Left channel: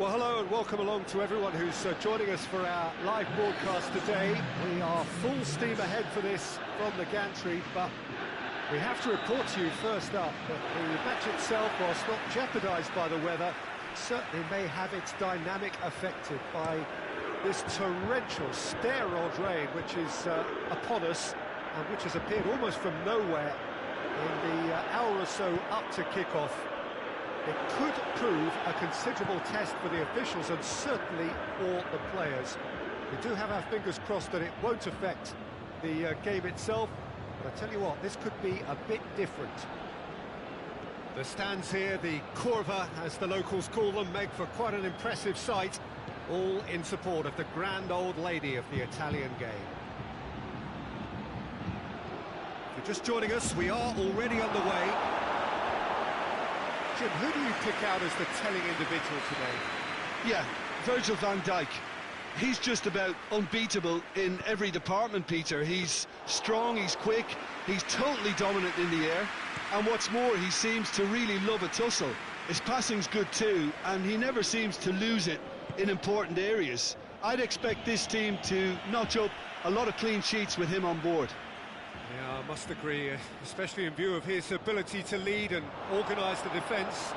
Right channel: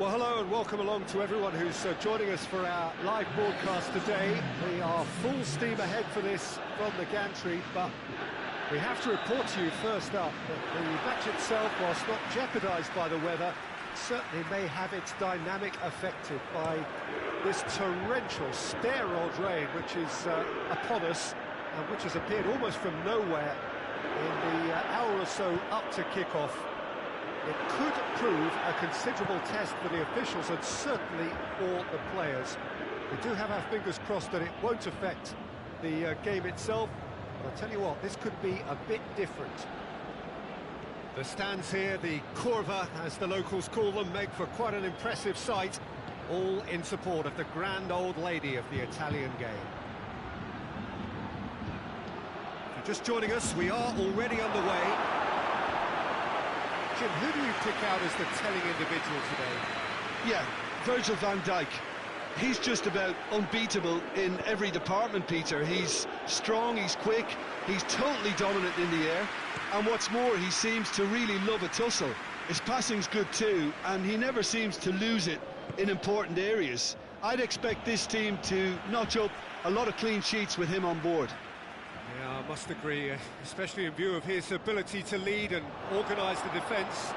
Well, hello and welcome along to everyone who's joining us for our live broadcast today. We are full steam ahead for this from the gantry, but we have to report to you first up that the match itself, whilst not jeopardised by the weather, certainly may have its dynamic affected by this torrential steroid rain which is upon us and which has appeared almost from nowhere in the hour or so up to kick-off. It could prove a considerable test for the officials and certainly for the players. We do have our fingers crossed that it won't affect the game itself, but I tell you what, this could be a bit different. The stands here, the curva, as the locals call them, make for quite an impressive sight, all in support of the grand old lady of the Italian game. If you're just joining us, we are already underway. Jim, who do you pick out as the telling individual today? Yeah, Virgil van Dijk. He's just about unbeatable in every department, Peter. He's strong, he's quick, he's totally dominant in the air, and what's more, he seems to really love a tussle. His passing's good too, and he never seems to lose it in important areas. I'd expect this team to notch up a lot of clean sheets with him on board. Yeah, I must agree, especially in view of his ability to lead and organise the defence.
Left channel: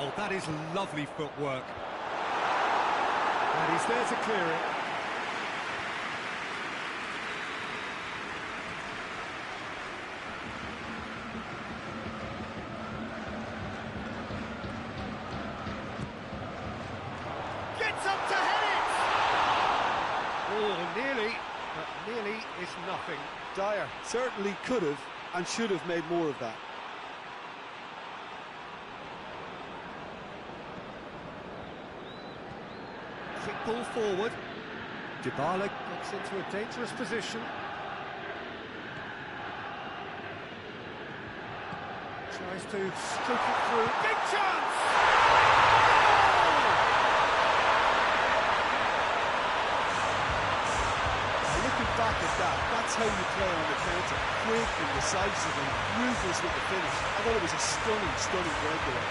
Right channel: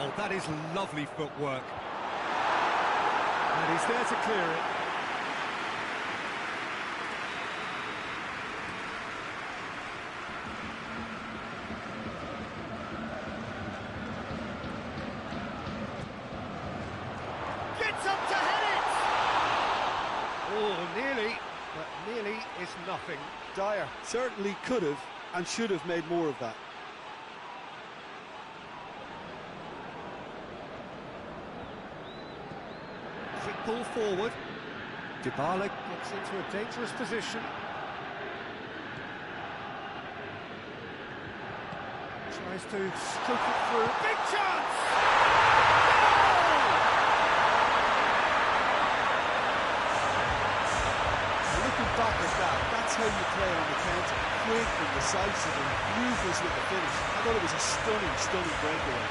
Oh, that is lovely footwork. And he's there to clear it. Gets up to head it! Oh, nearly, but nearly is nothing. Dyer certainly could have and should have made more of that. Quick ball forward. Dybala gets into a dangerous position. Tries to stroke it through. Big chance! Goal! Now looking back at that, that's how you play on the counter. Quick and decisive and ruthless with the finish. I thought it was a stunning, stunning breakaway.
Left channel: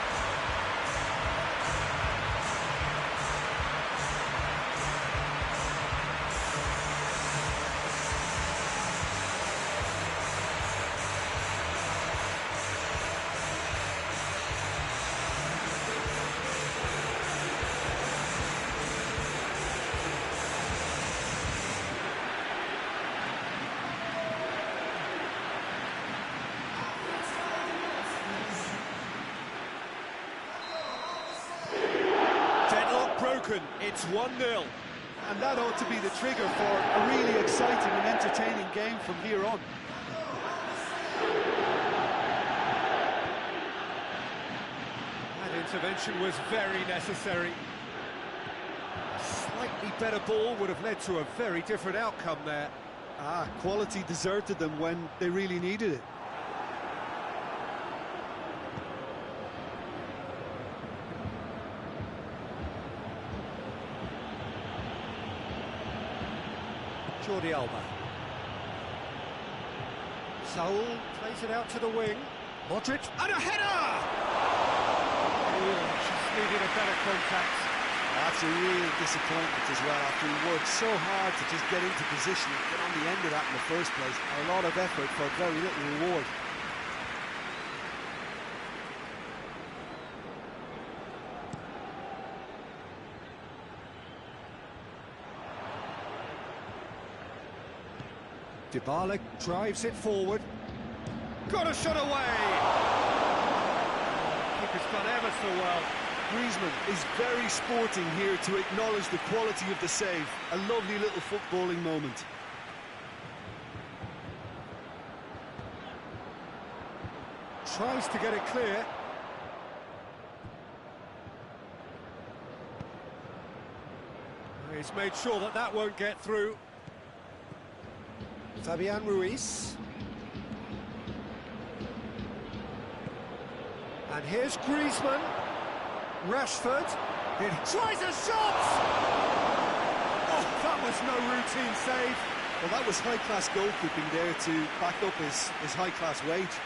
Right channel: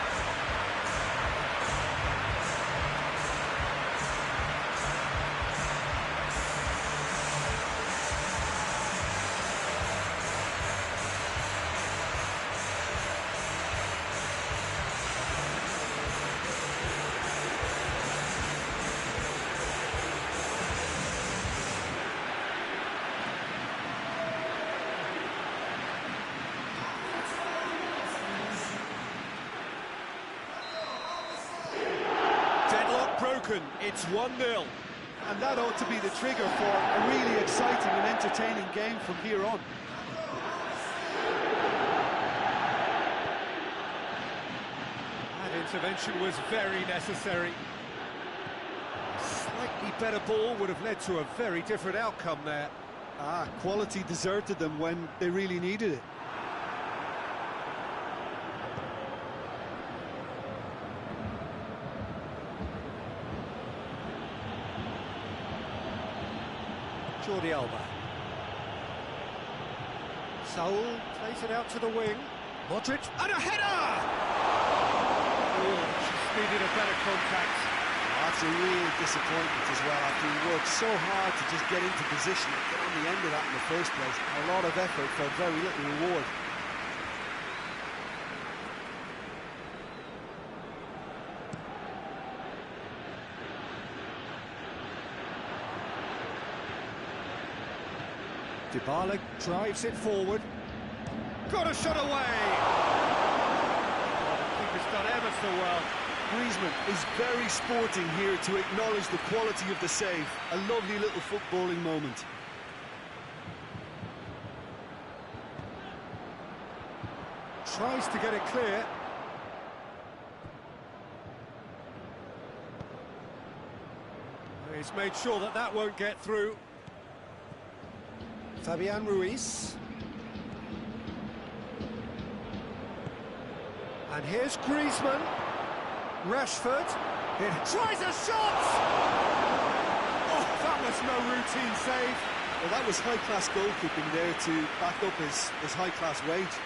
Deadlock broken, it's 1-0. And that ought to be the trigger for a really exciting and entertaining game from here on. That intervention was very necessary. A slightly better ball would have led to a very different outcome there. Quality deserted them when they really needed it. Jordi Alba. Saul plays it out to the wing. Modric, and a header! Oh, just needed a better contact. That's a real disappointment as well, after he worked so hard to just get into position and get on the end of that in the first place. A lot of effort for very little reward. Dybala drives it forward. Got a shot away! Oh, the keeper's done ever so well. Griezmann is very sporting here to acknowledge the quality of the save. A lovely little footballing moment. Tries to get it clear. He's made sure that that won't get through. Fabian Ruiz. And here's Griezmann. Rashford. It tries a shot! Oh, that was no routine save. Well, that was high-class goalkeeping there to back up his high-class wage.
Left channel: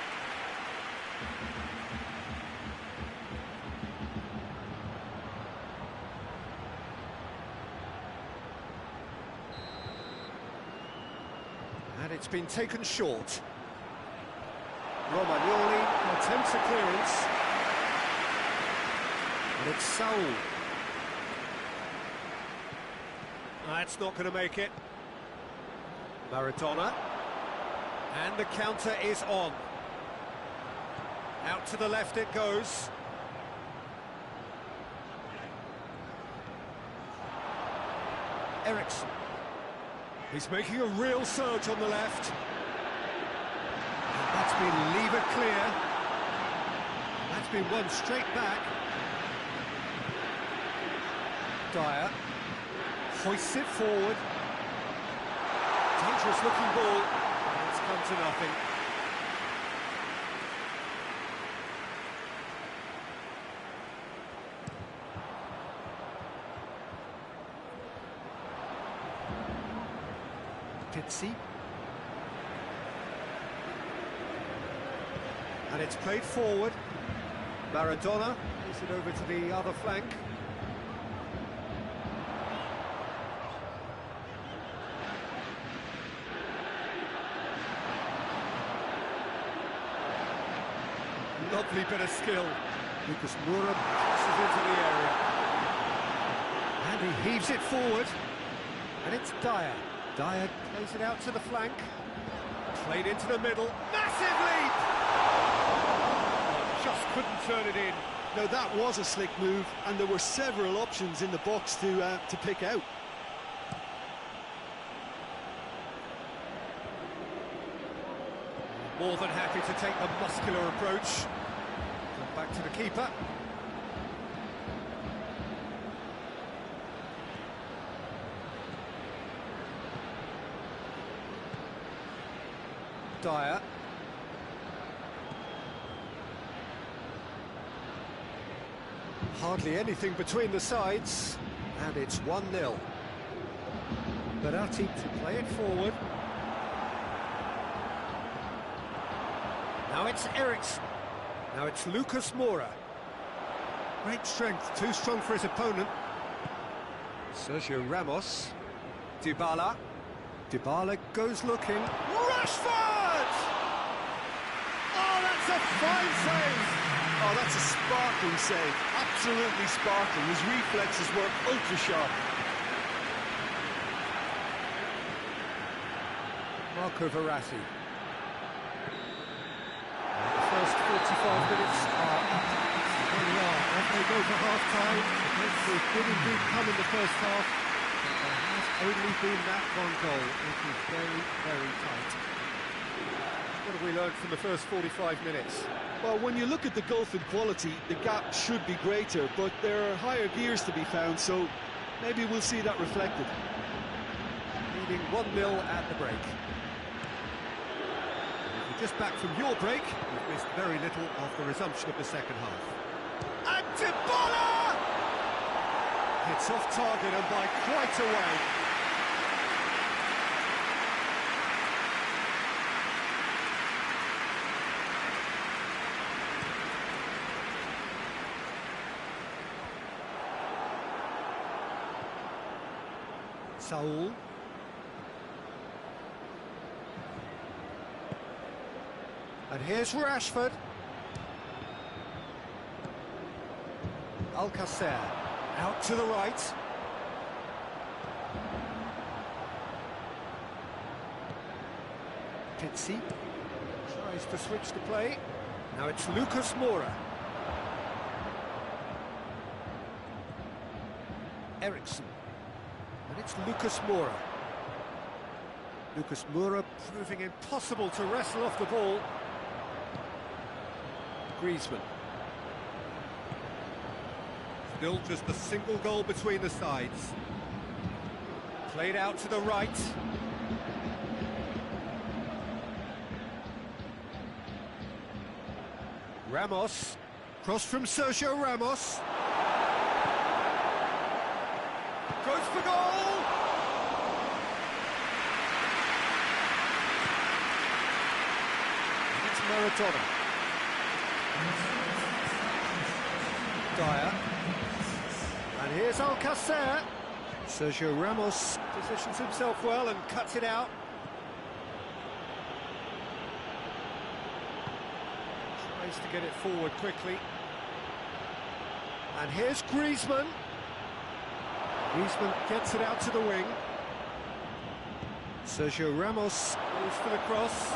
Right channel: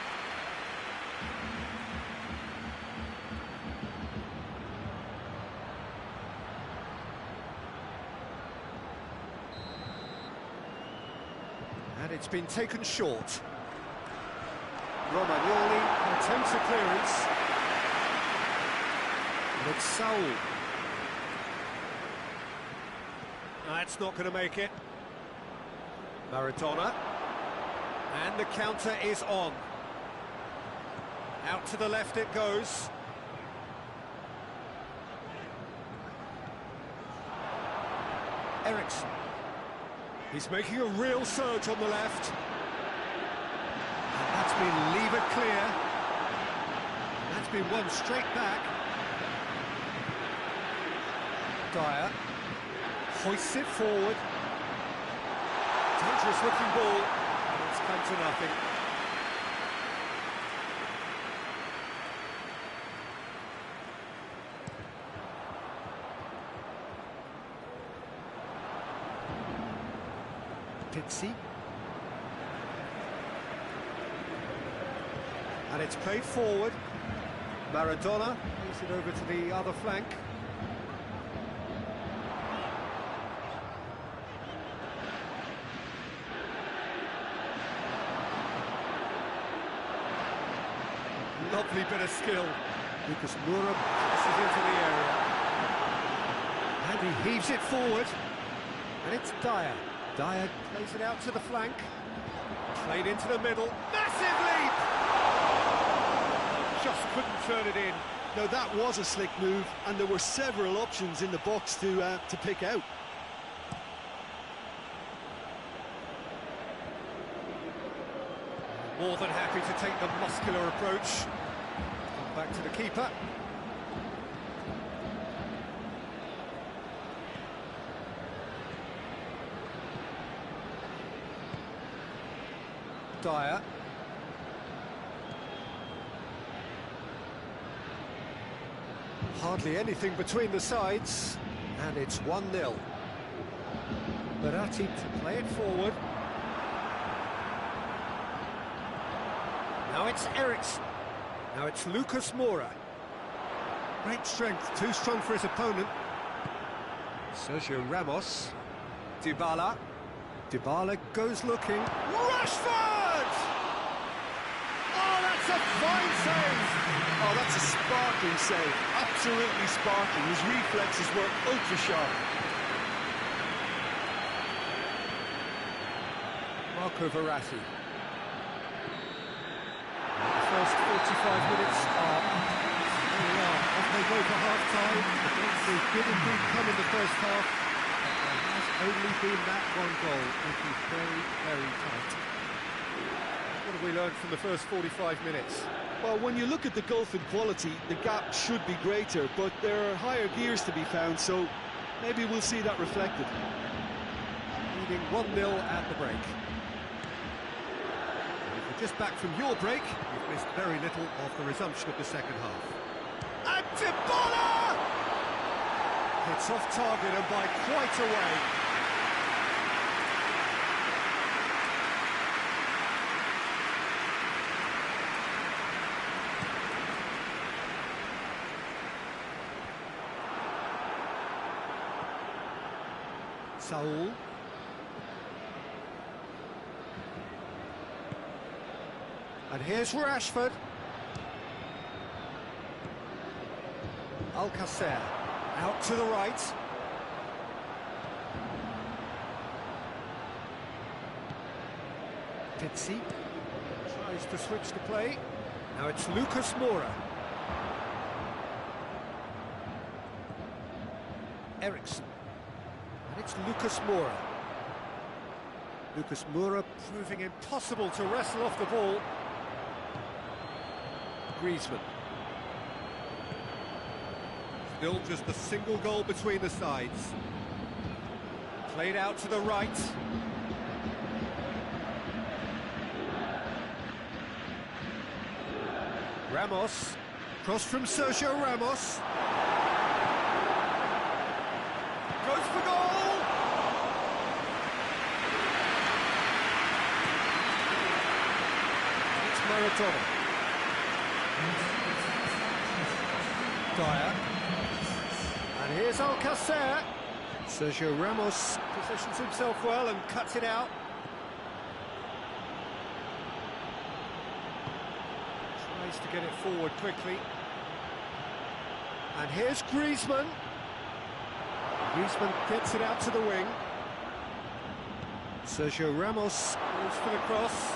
And it's been taken short. Romagnoli attempts a clearance. And it's Saul. That's not going to make it. Maradona. And the counter is on. Out to the left it goes. Eriksson. He's making a real surge on the left. And that's been levered clear. That's been won straight back. Dyer hoists it forward. Dangerous looking ball. And it's come to nothing. Pizzi. And it's played forward. Maradona plays it over to the other flank. Lovely bit of skill. Lucas Moura crosses into the area. And he heaves it forward. And it's Dyer. Dyer plays it out to the flank. Played into the middle. Massive leap! Oh, just couldn't turn it in. Now that was a slick move, and there were several options in the box to pick out. More than happy to take the muscular approach. Come back to the keeper. Dyer. Hardly anything between the sides, and it's 1-0. Berratti to play it forward. Now it's Eriksson. Now it's Lucas Moura. Great strength, too strong for his opponent. Sergio Ramos. Dybala. Dybala goes looking. Rashford! Oh, that's a fine save! Oh, that's a sparkling save. Absolutely sparkling. His reflexes were ultra sharp. Marco Verratti. The first 45 minutes are up. There we are, off they go for half-time. The breakthrough did indeed come in the first half, but there has only been that one goal. It is very, very tight. What have we learned from the first 45 minutes? Well, when you look at the gulf in quality, the gap should be greater, but there are higher gears to be found, so maybe we'll see that reflected. Leading 1-0 at the break. Just back from your break, you've missed very little of the resumption of the second half. And Dybala! Hits off target and by quite a way. Saul. And here's Rashford. Alcacer out to the right. Pizzi tries to switch the play. Now it's Lucas Moura. Eriksson. And it's Lucas Moura. Lucas Moura proving impossible to wrestle off the ball. Griezmann. Still just a single goal between the sides. Played out to the right. Ramos. Cross from Sergio Ramos. Goes for goal! And it's Maradona. Dyer. And here's Alcacer. Sergio Ramos positions himself well and cuts it out. Tries to get it forward quickly. And here's Griezmann. Griezmann gets it out to the wing. Sergio Ramos goes for the cross.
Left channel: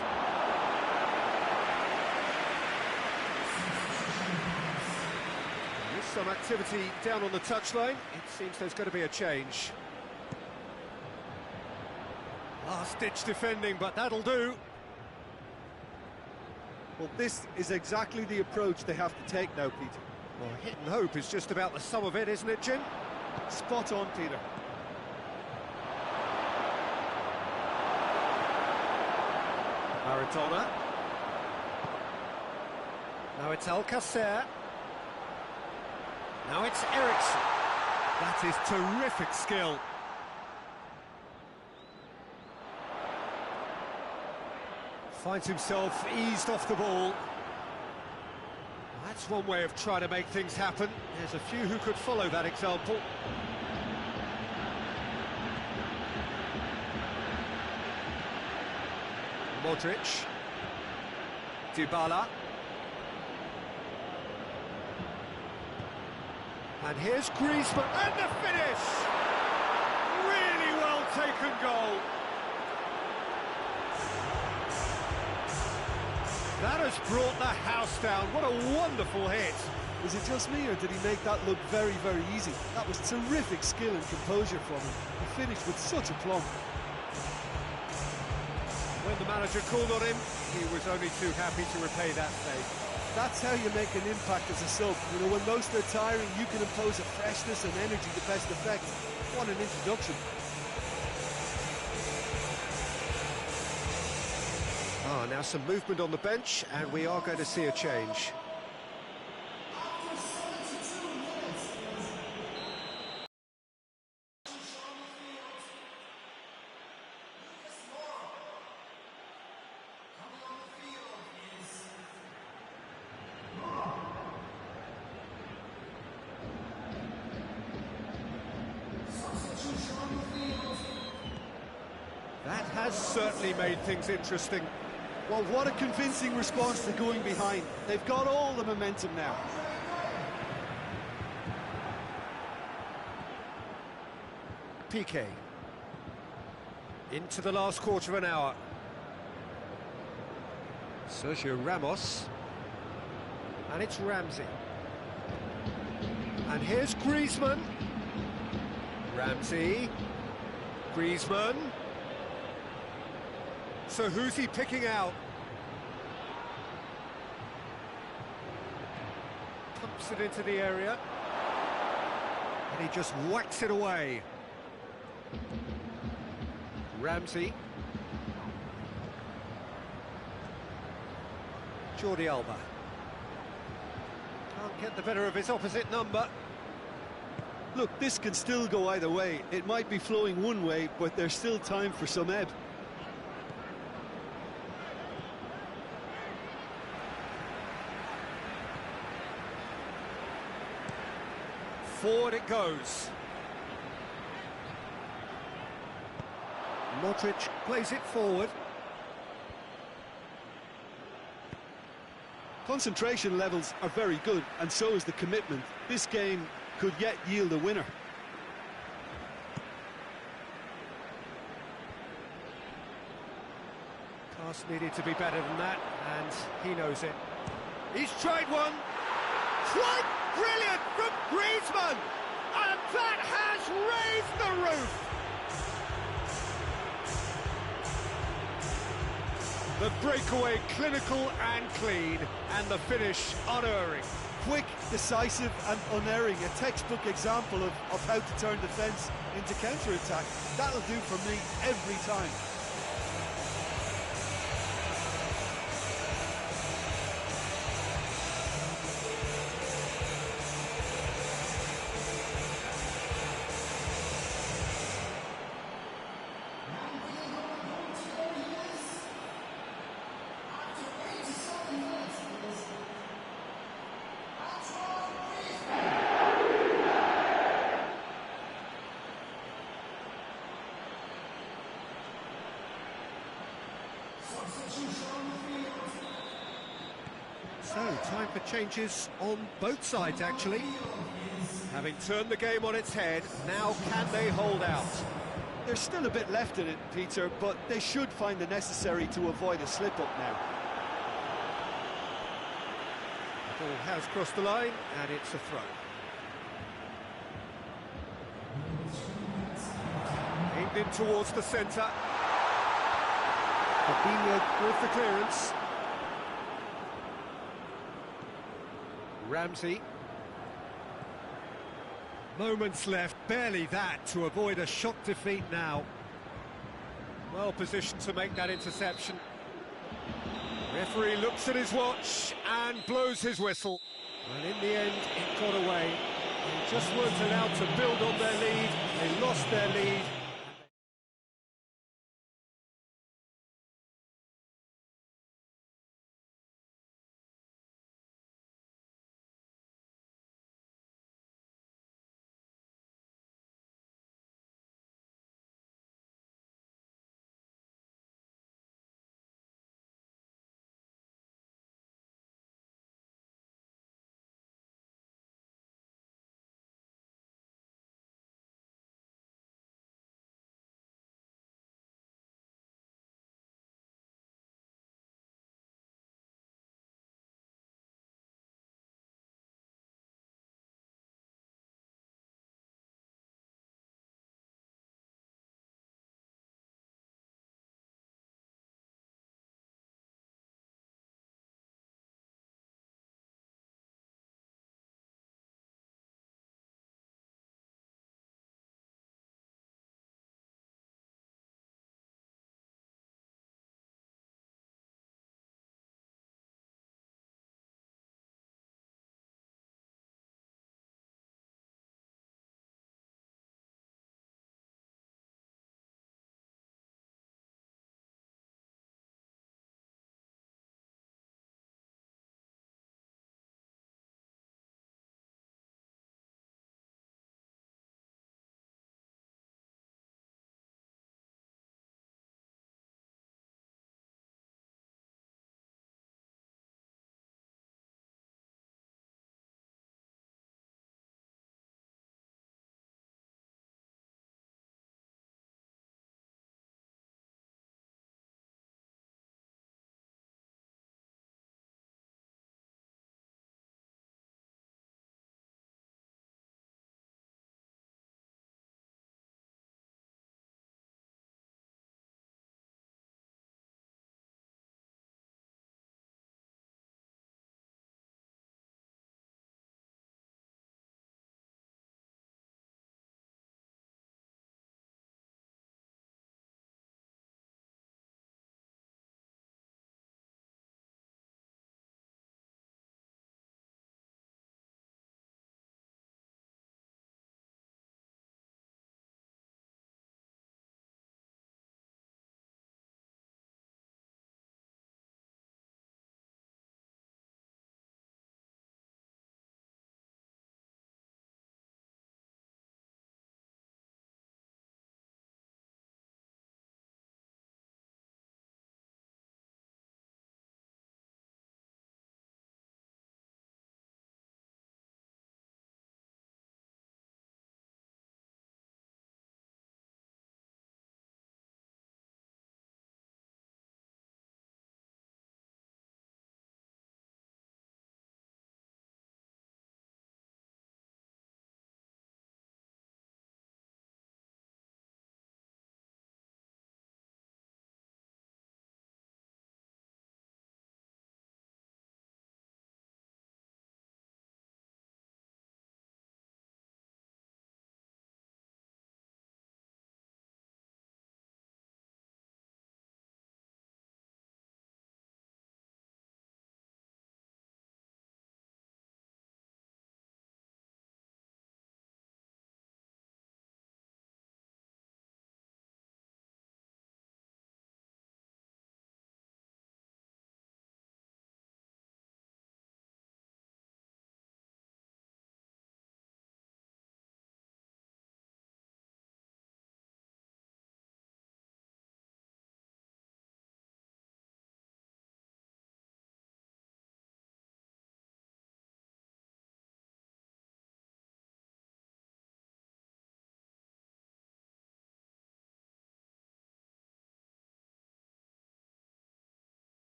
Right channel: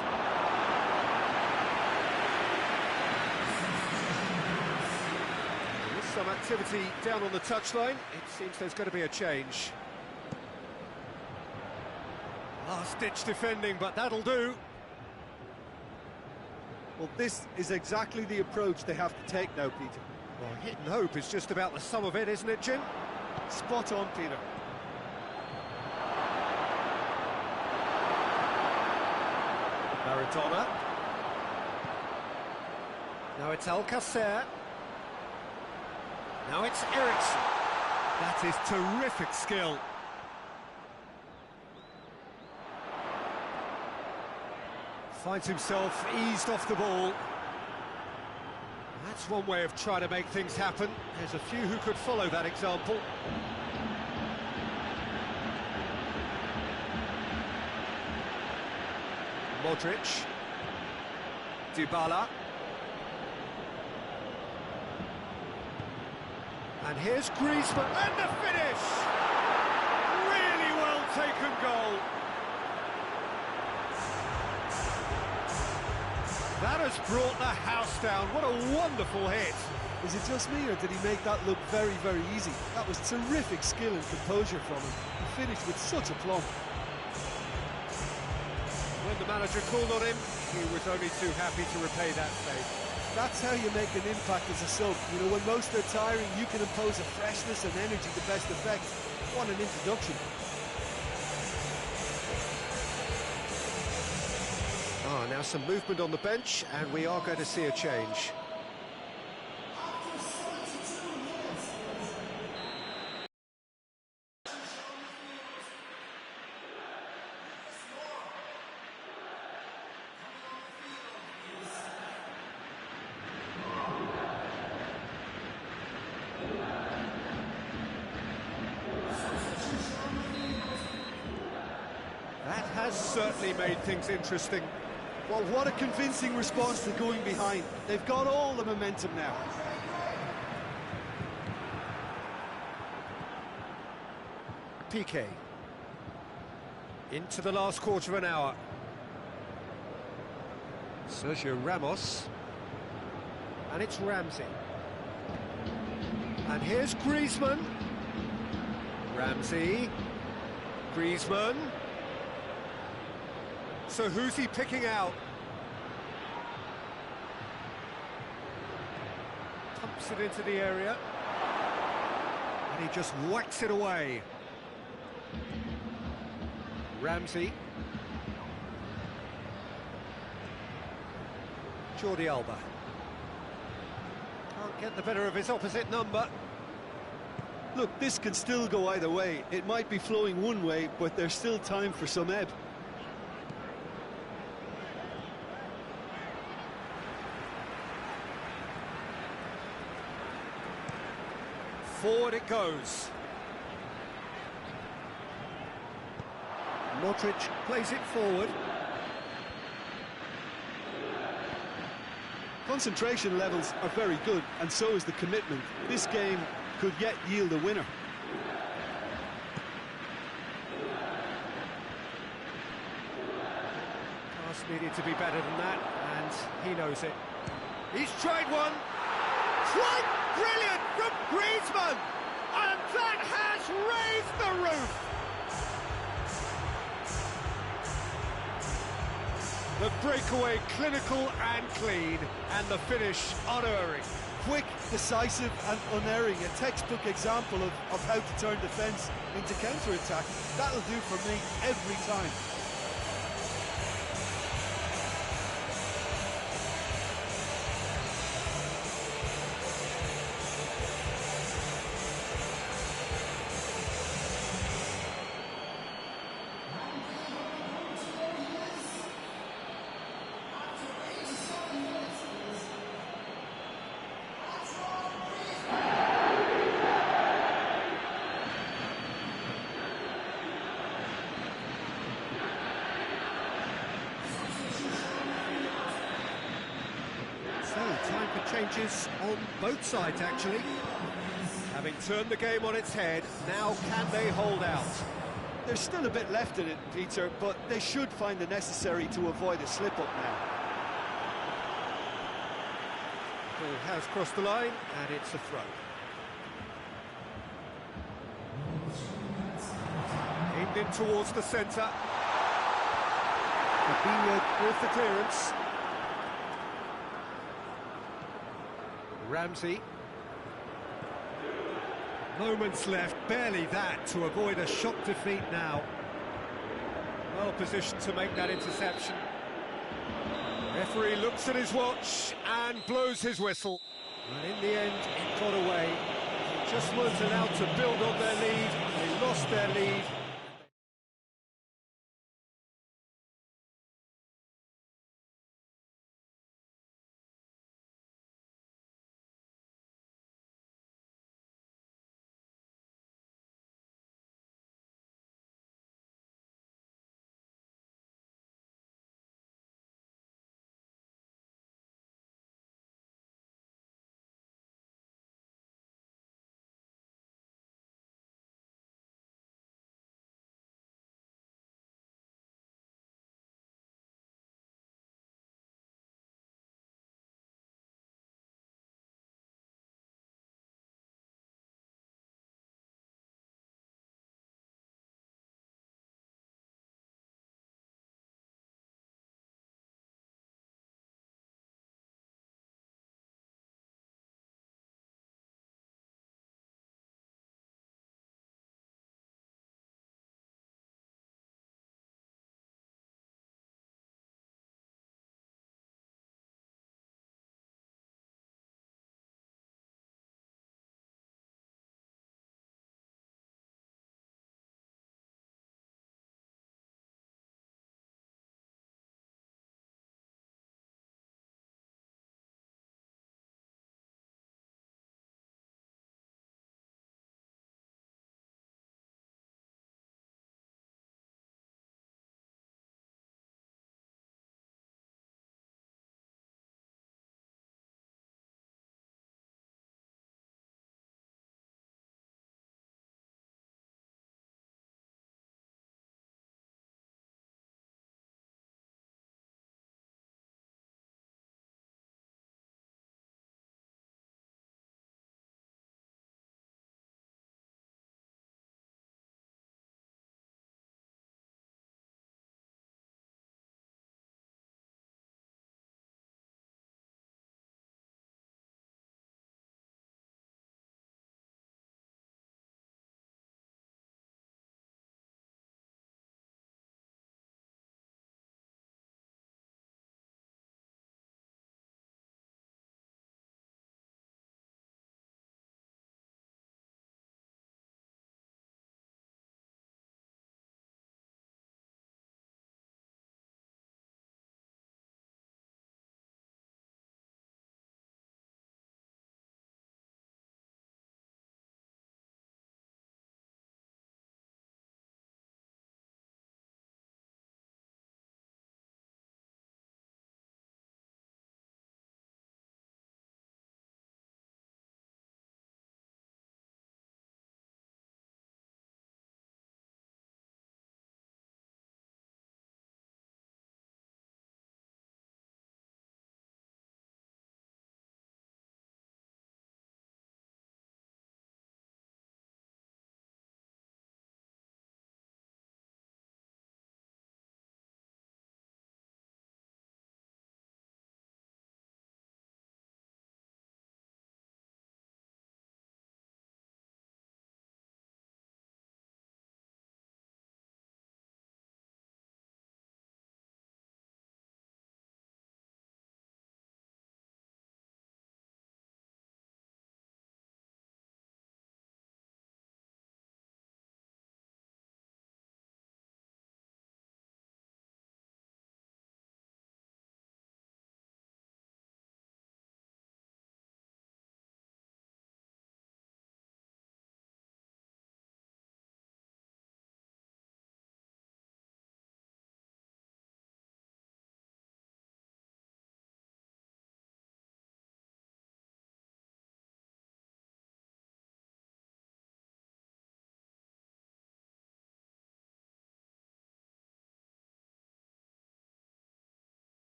There is some activity down on the touchline. It seems there's going to be a change. Last-ditch defending, but that'll do. Well, this is exactly the approach they have to take now, Peter. Well, hidden hope is just about the sum of it, isn't it, Jim? Spot on, Peter. Maradona. Now it's Alcacer. Now it's Eriksson. That is terrific skill. Finds himself eased off the ball. That's one way of trying to make things happen. There's a few who could follow that example. Modric. Dybala. And here's Griezmann, and the finish! Really well taken goal. That has brought the house down. What a wonderful hit. Is it just me, or did he make that look very, very easy? That was terrific skill and composure from him. He finished with such aplomb. When the manager called on him, he was only too happy to repay that favour. That's how you make an impact as a sub. You know, when most are tiring, you can impose a freshness and energy to best effect. What an introduction. Now some movement on the bench, and we are going to see a change. That has certainly made things interesting. Well, what a convincing response to going behind. They've got all the momentum now. Piqué. Into the last quarter of an hour. Sergio Ramos. And it's Ramsey. And here's Griezmann. Ramsey. Griezmann. So who's he picking out? Pumps it into the area. And he just whacks it away. Ramsey. Jordi Alba. Can't get the better of his opposite number. Look, this can still go either way. It might be flowing one way, but there's still time for some ebb. Forward it goes. Modric plays it forward. Concentration levels are very good, and so is the commitment. This game could yet yield a winner. Pass needed to be better than that, and he knows it. He's tried one. Quite brilliant from Griezmann, and that has raised the roof. The breakaway clinical and clean, and the finish unerring. Quick, decisive and unerring, a textbook example of how to turn defence into counter-attack. That'll do for me every time. So, time for changes on both sides, actually. Having turned the game on its head, now can they hold out? There's still a bit left in it, Peter, but they should find the necessary to avoid a slip-up now. Ball has crossed the line, and it's a throw. Aimed in towards the centre. Fabinho with the clearance. Ramsey. Moments left, barely that, to avoid a shock defeat now. Well positioned to make that interception. The referee looks at his watch and blows his whistle. And in the end, it got away. They just weren't allowed to build on their lead. They lost their lead.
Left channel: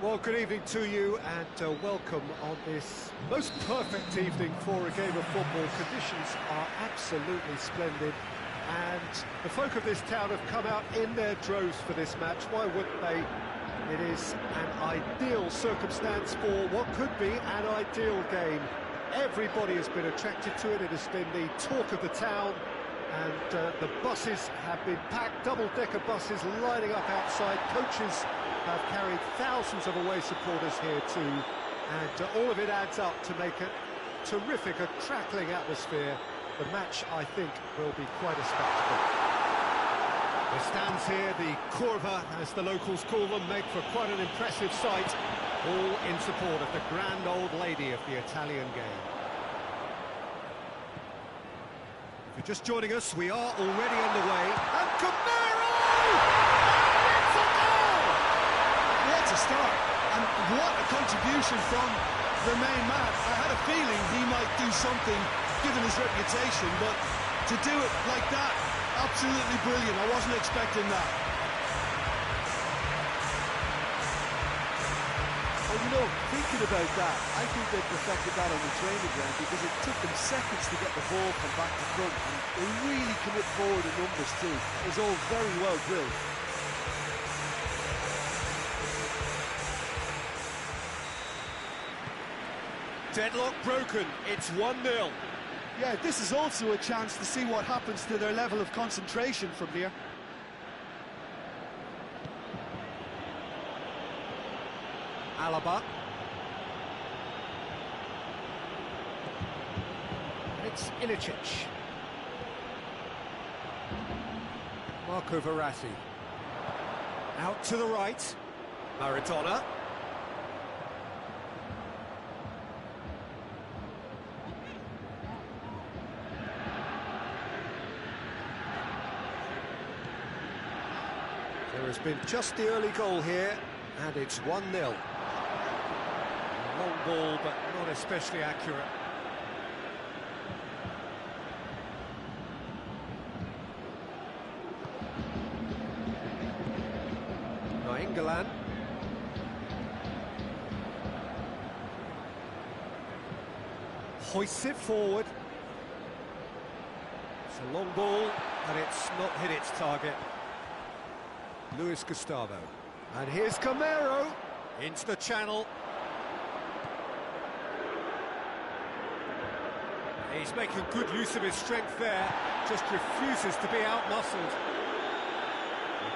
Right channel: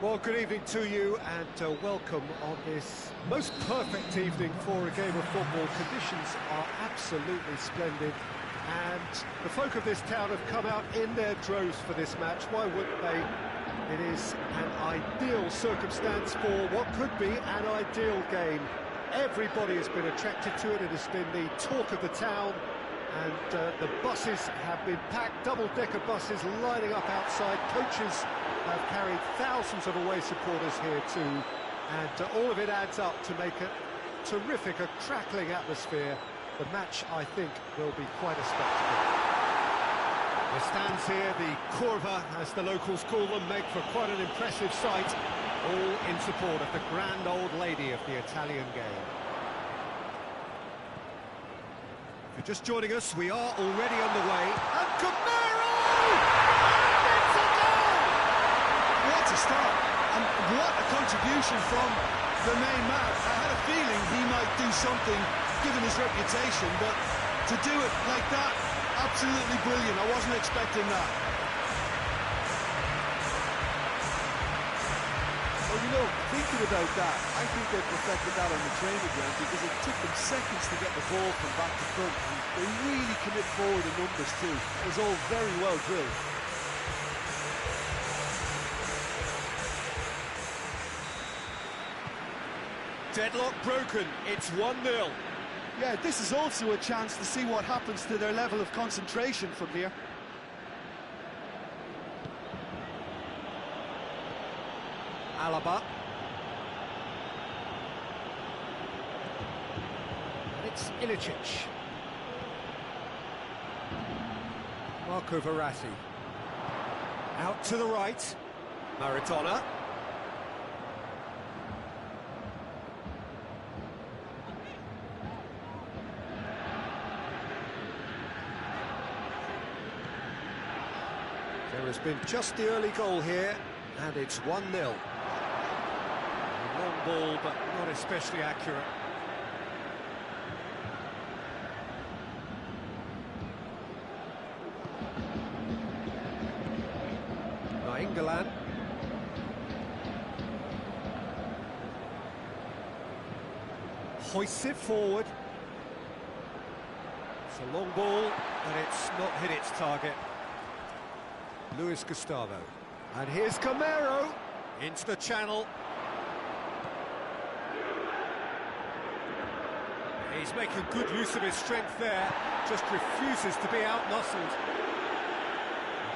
Well, good evening to you and welcome on this most perfect evening for a game of football. Conditions are absolutely splendid and the folk of this town have come out in their droves for this match. Why wouldn't they? It is an ideal circumstance for what could be an ideal game. Everybody has been attracted to it. It has been the talk of the town, and the buses have been packed, double-decker buses lining up outside. Coaches have carried thousands of away supporters here too, and all of it adds up to make a terrific, a crackling atmosphere. The match, I think, will be quite a spectacle. The stands here, the curva, as the locals call them, make for quite an impressive sight, all in support of the grand old lady of the Italian game. If you're just joining us, we are already underway, and Camaro! And it's a goal! What a start, and what a contribution from the main man. I had a feeling he might do something, given his reputation, but to do it like that, absolutely brilliant. I wasn't expecting that. Well, you know, thinking about that, I think they perfected that on the training ground because it took them seconds to get the ball from back to front, and they really commit forward in numbers too. That was all very well drilled. Deadlock broken, it's 1-0. Yeah, this is also a chance to see what happens to their level of concentration from here. Alaba. And it's Ilicic. Marco Verratti. Out to the right. Maradona. There has been just the early goal here, and it's 1-0. Long ball, but not especially accurate. Nainggolan. Hoists it forward. It's a long ball, but it's not hit its target. Luis Gustavo. And here's Camaro into the channel. He's making good use of his strength there, just refuses to be out-muscled.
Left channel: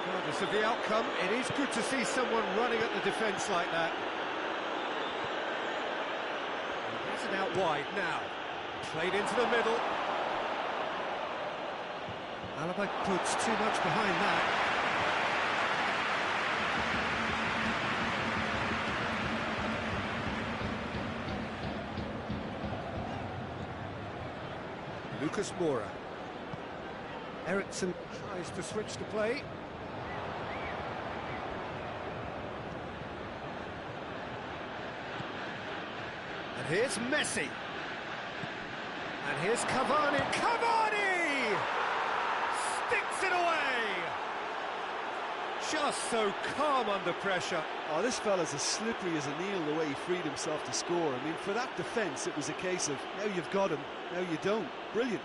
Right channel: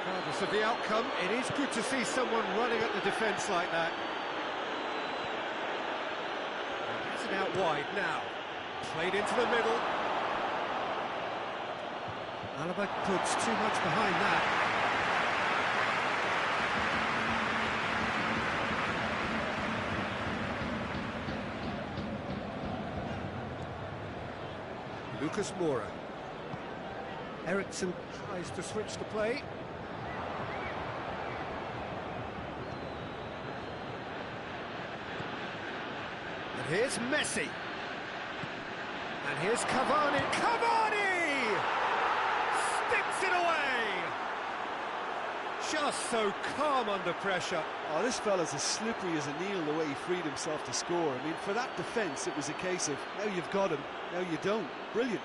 Regardless of the outcome, it is good to see someone running at the defence like that. He has it out wide now. Played into the middle. Alaba puts too much behind that. Lucas Moura. Eriksson tries to switch the play. And here's Messi. And here's Cavani. Cavani! Sticks it away! Just so calm under pressure. Oh, this fella's as slippery as an eel the way he freed himself to score. I mean, for that defence, it was a case of, now you've got him, now you don't. Brilliant.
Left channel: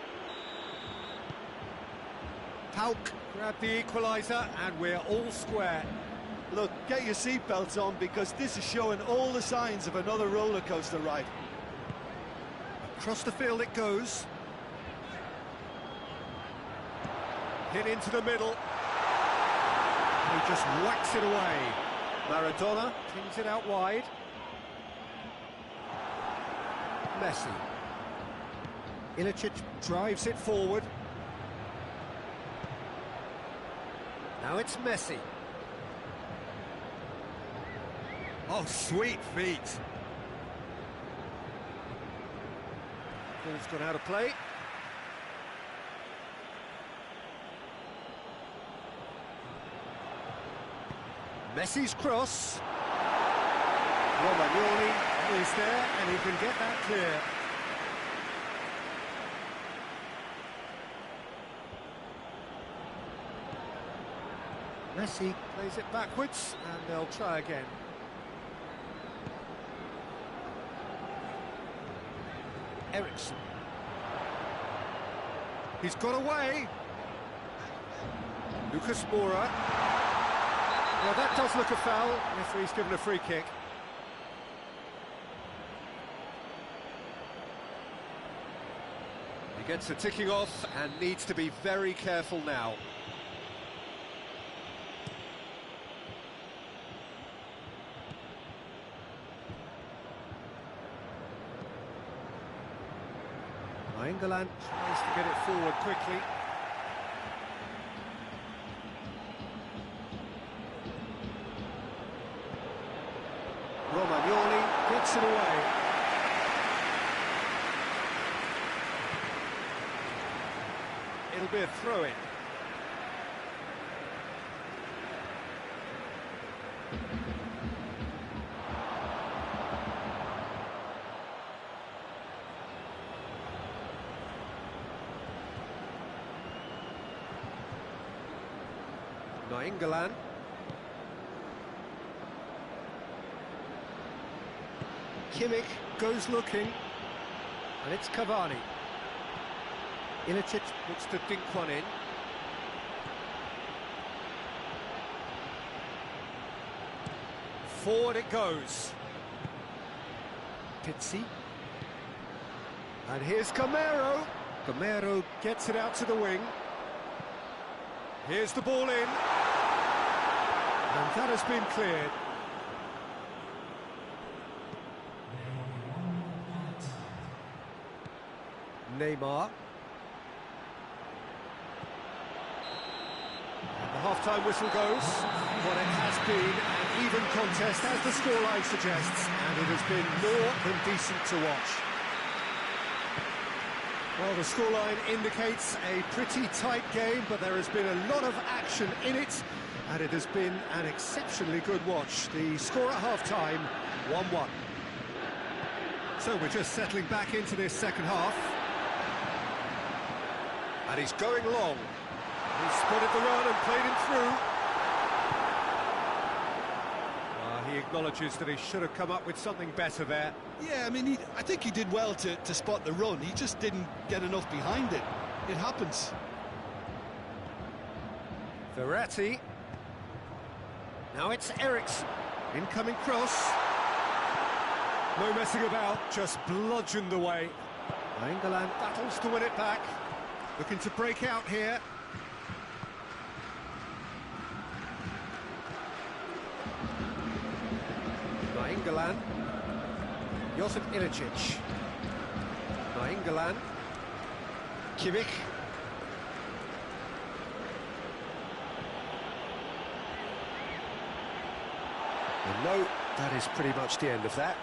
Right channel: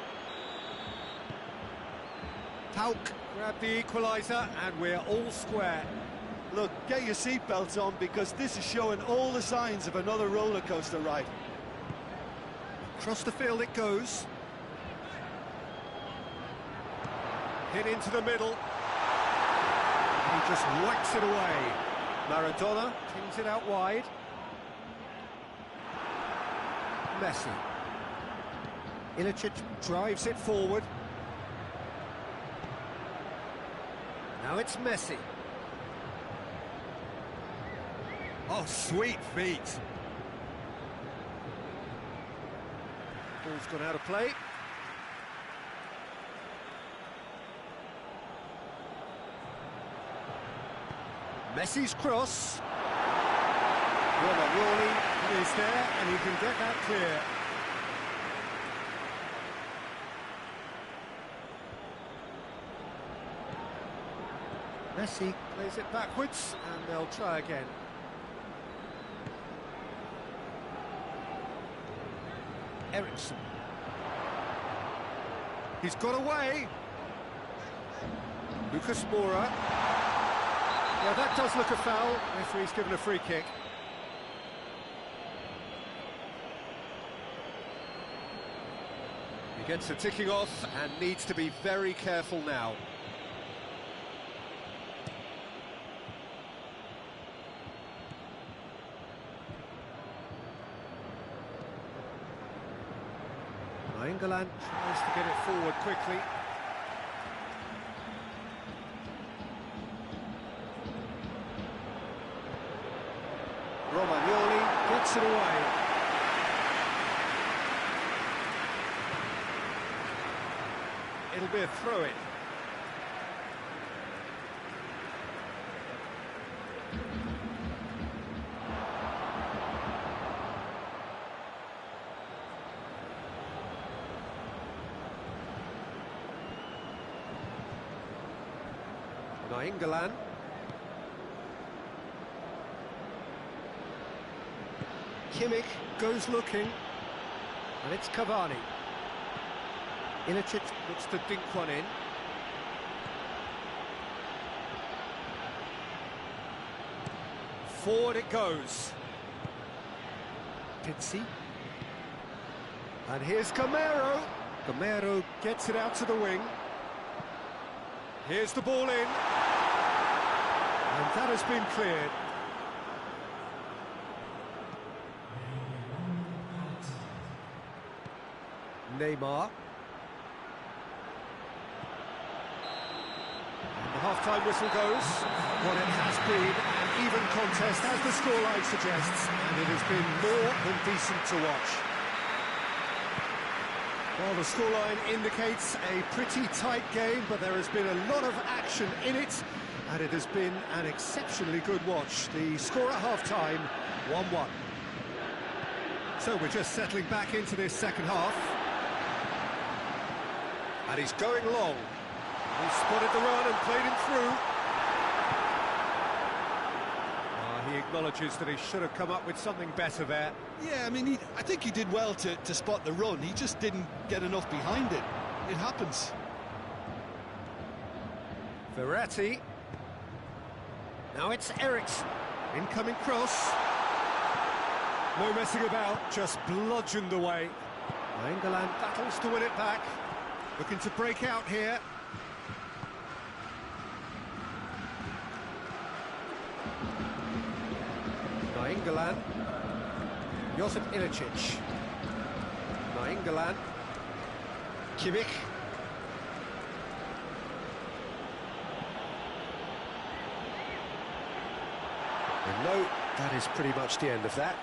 Pauk grabbed the equaliser, and we're all square. Look, get your seatbelts on, because this is showing all the signs of another roller coaster ride. Across the field it goes. Hit into the middle. He just whacks it away. Maradona pings it out wide. Messi. Ilicic drives it forward. Now it's Messi. Oh, sweet feet. Ball's gone out of play. Messi's cross. Romagnoli is there, and he can get that clear. Messi plays it backwards, and they'll try again. Eriksson. He's got away. Lucas Moura. Yeah, that does look a foul. Referee's given a free kick. He gets the ticking off and needs to be very careful now. England tries to get it forward quickly. Romagnoli gets it away. It'll be a throw-in. England. Kimmich goes looking, and it's Cavani. Ilicic looks to dink one in. Forward it goes. Pizzi. And here's Gamero. Gamero gets it out to the wing. Here's the ball in. And that has been cleared. Neymar. And the half-time whistle goes. What it has been an even contest, as the scoreline suggests, and it has been more than decent to watch. Well, the scoreline indicates a pretty tight game, but there has been a lot of action in it, and it has been an exceptionally good watch. The score at half-time, 1-1. So we're just settling back into this second half. And he's going long. He spotted the run and played him through. He acknowledges that he should have come up with something better there. Yeah, I mean, I think he did well to spot the run. He just didn't get enough behind it. It happens. Verratti. Now it's Eriksson. Incoming cross. No messing about, just bludgeoned away. England battles to win it back. Looking to break out here. England. Josip Ilicic. England. Kimmich. And no, that is pretty much the end of that.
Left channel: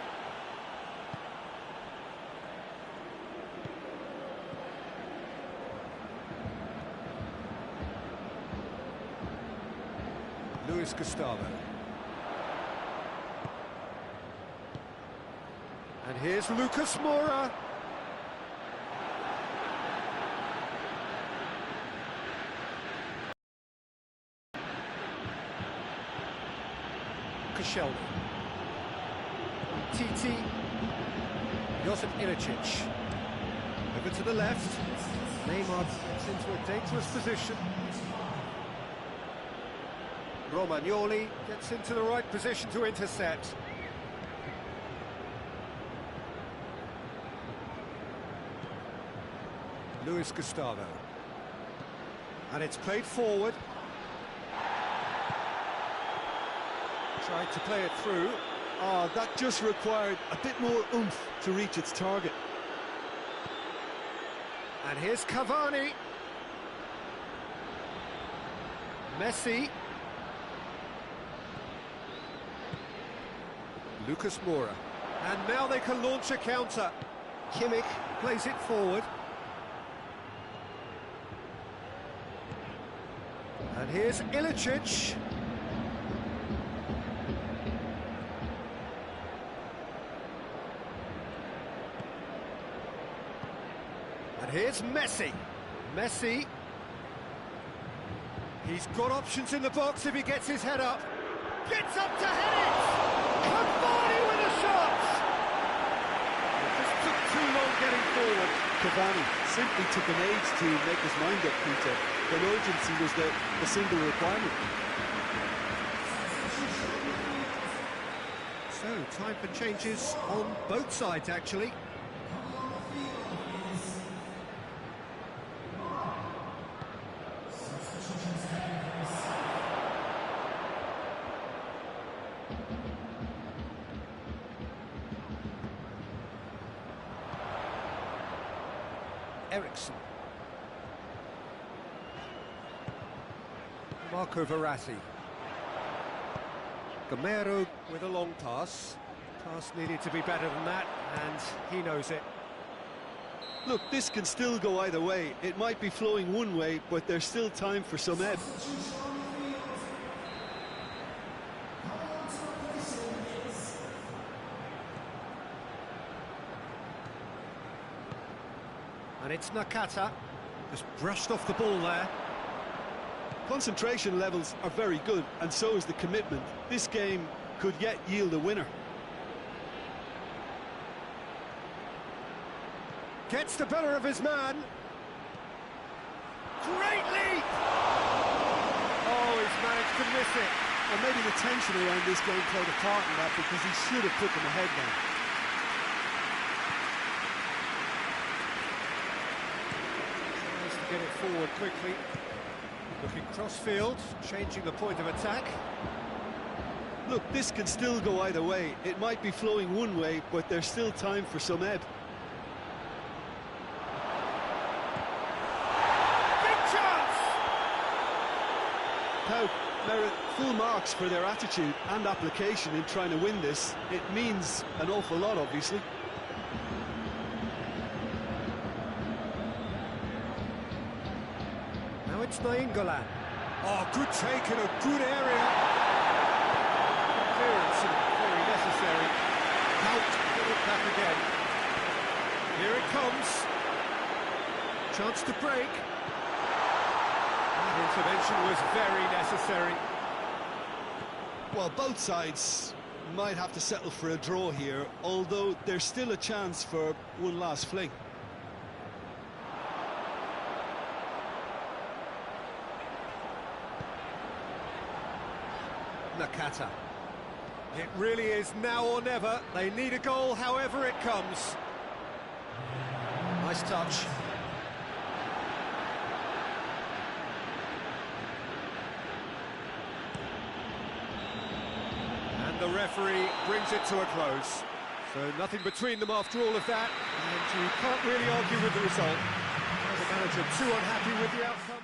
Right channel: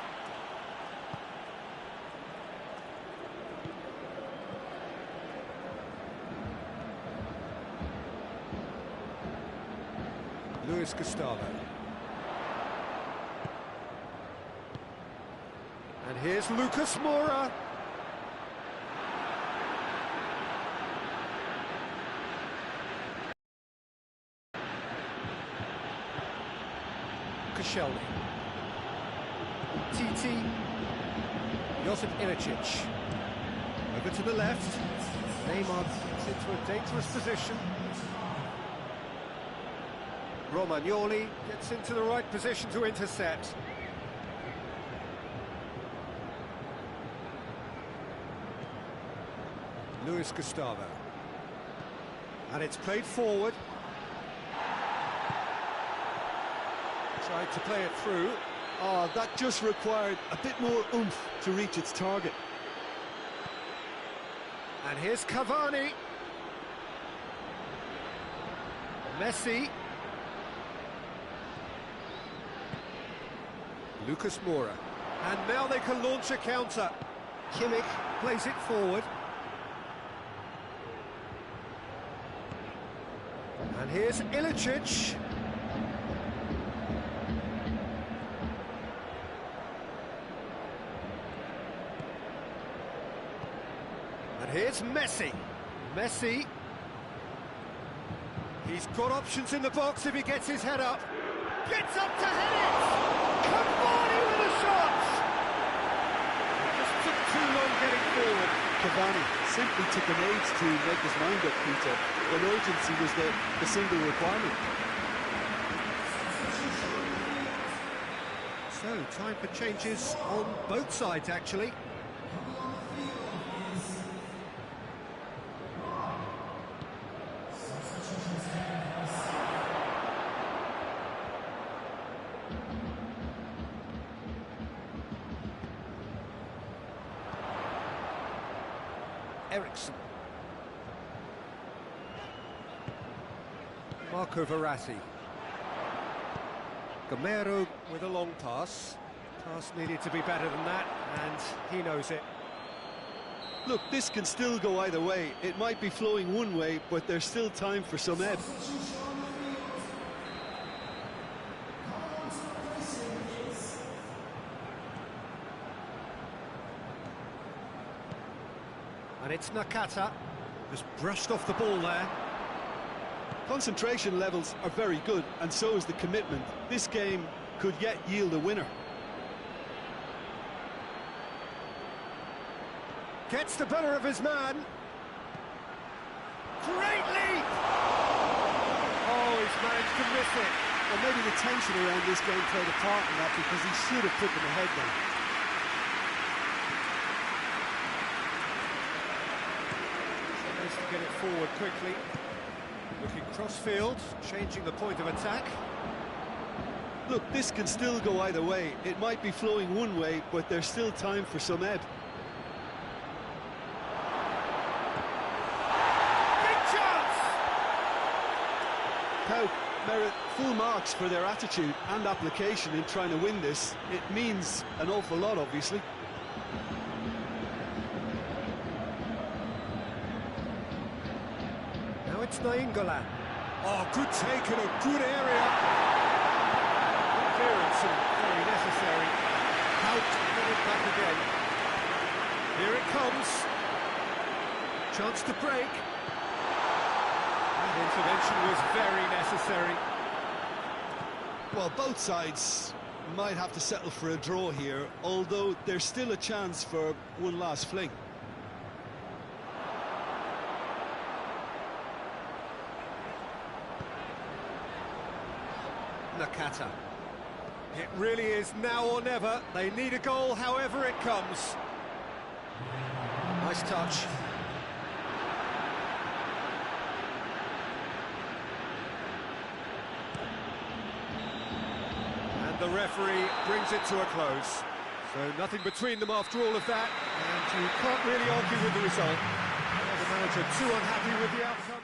Luis Gustavo. And here's Lucas Moura. Koscielny. Titi. Josip Ilicic. Over to the left. Neymar gets into a dangerous position. Romagnoli gets into the right position to intercept. Luis Gustavo. And it's played forward. Tried to play it through. Oh, that just required a bit more oomph to reach its target. And here's Cavani. Messi. Lucas Moura. And now they can launch a counter. Kimmich plays it forward. And here's Ilicic. And here's Messi. Messi. He's got options in the box if he gets his head up. Gets up to head it! Cavani with a shot! It just took too long getting forward. Cavani simply took an age to make his mind up, Peter, when urgency was the single requirement. So, time for changes on both sides, actually. Ericsson. Marco Verratti. Gamero with a long pass. Pass needed to be better than that, and he knows it. Look, this can still go either way. It might be flowing one way, but there's still time for some ebb. And it's Nakata, just brushed off the ball there. Concentration levels are very good, and so is the commitment. This game could yet yield a winner. Gets the better of his man. Great leap! Oh, he's managed to miss it. And maybe the tension around this game played a part in that, because he should have put them ahead now. Tries to get it forward quickly. Looking cross-field, changing the point of attack. Look, this can still go either way. It might be flowing one way, but there's still time for some ebb. Big chance! Pau merit full marks for their attitude and application in trying to win this. It means an awful lot, obviously. Now it's Nainggolan. Oh, good take in a good area. Good clearance and very necessary. Out, get it back again. Here it comes. Chance to break. That intervention was very necessary. Well, both sides might have to settle for a draw here, although there's still a chance for one last fling. Nakata. It really is now or never. They need a goal however it comes. Nice touch. And the referee brings it to a close. So nothing between them after all of that, and you can't really argue with the result. The manager too unhappy with the outcome.